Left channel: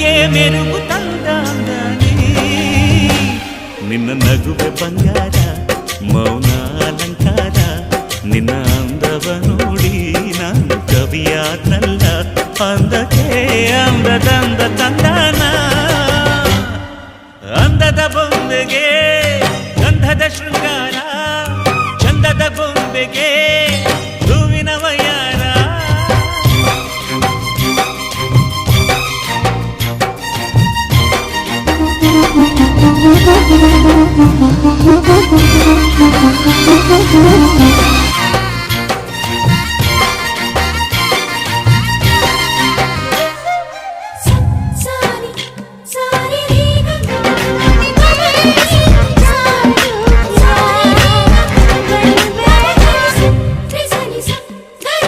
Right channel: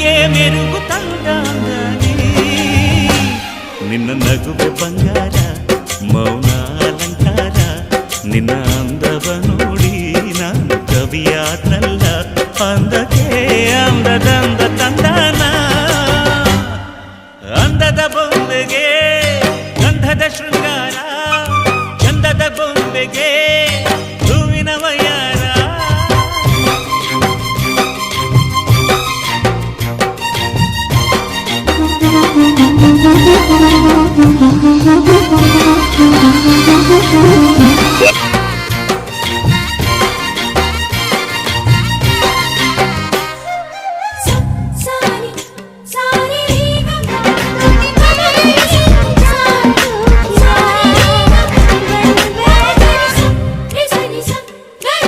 ಮಿತಿಗೆ ಮೆರುಗು ತಂದಾಂದನಿ ನಿನ್ನ ನಗುವೆ ಬಂಗಾರ ಮೌನ ಅಲಂಕಾರ ನಿನ್ನ ಅಂದವ ನೋಡಿ ನಾನು ಕವಿಯಾದ್ನಲ್ಲ ಅಂದಕ್ಕೆ ಅಂದದಂದ ತಂದಾನ ಅಂದದ ಬೊಂಬೆಗೆ ಗಂಧದ ಶೃಂಗಾರ ಚಂದದ ಬೊಂಬೆಗೆ ಹೂವಿನ ವಯ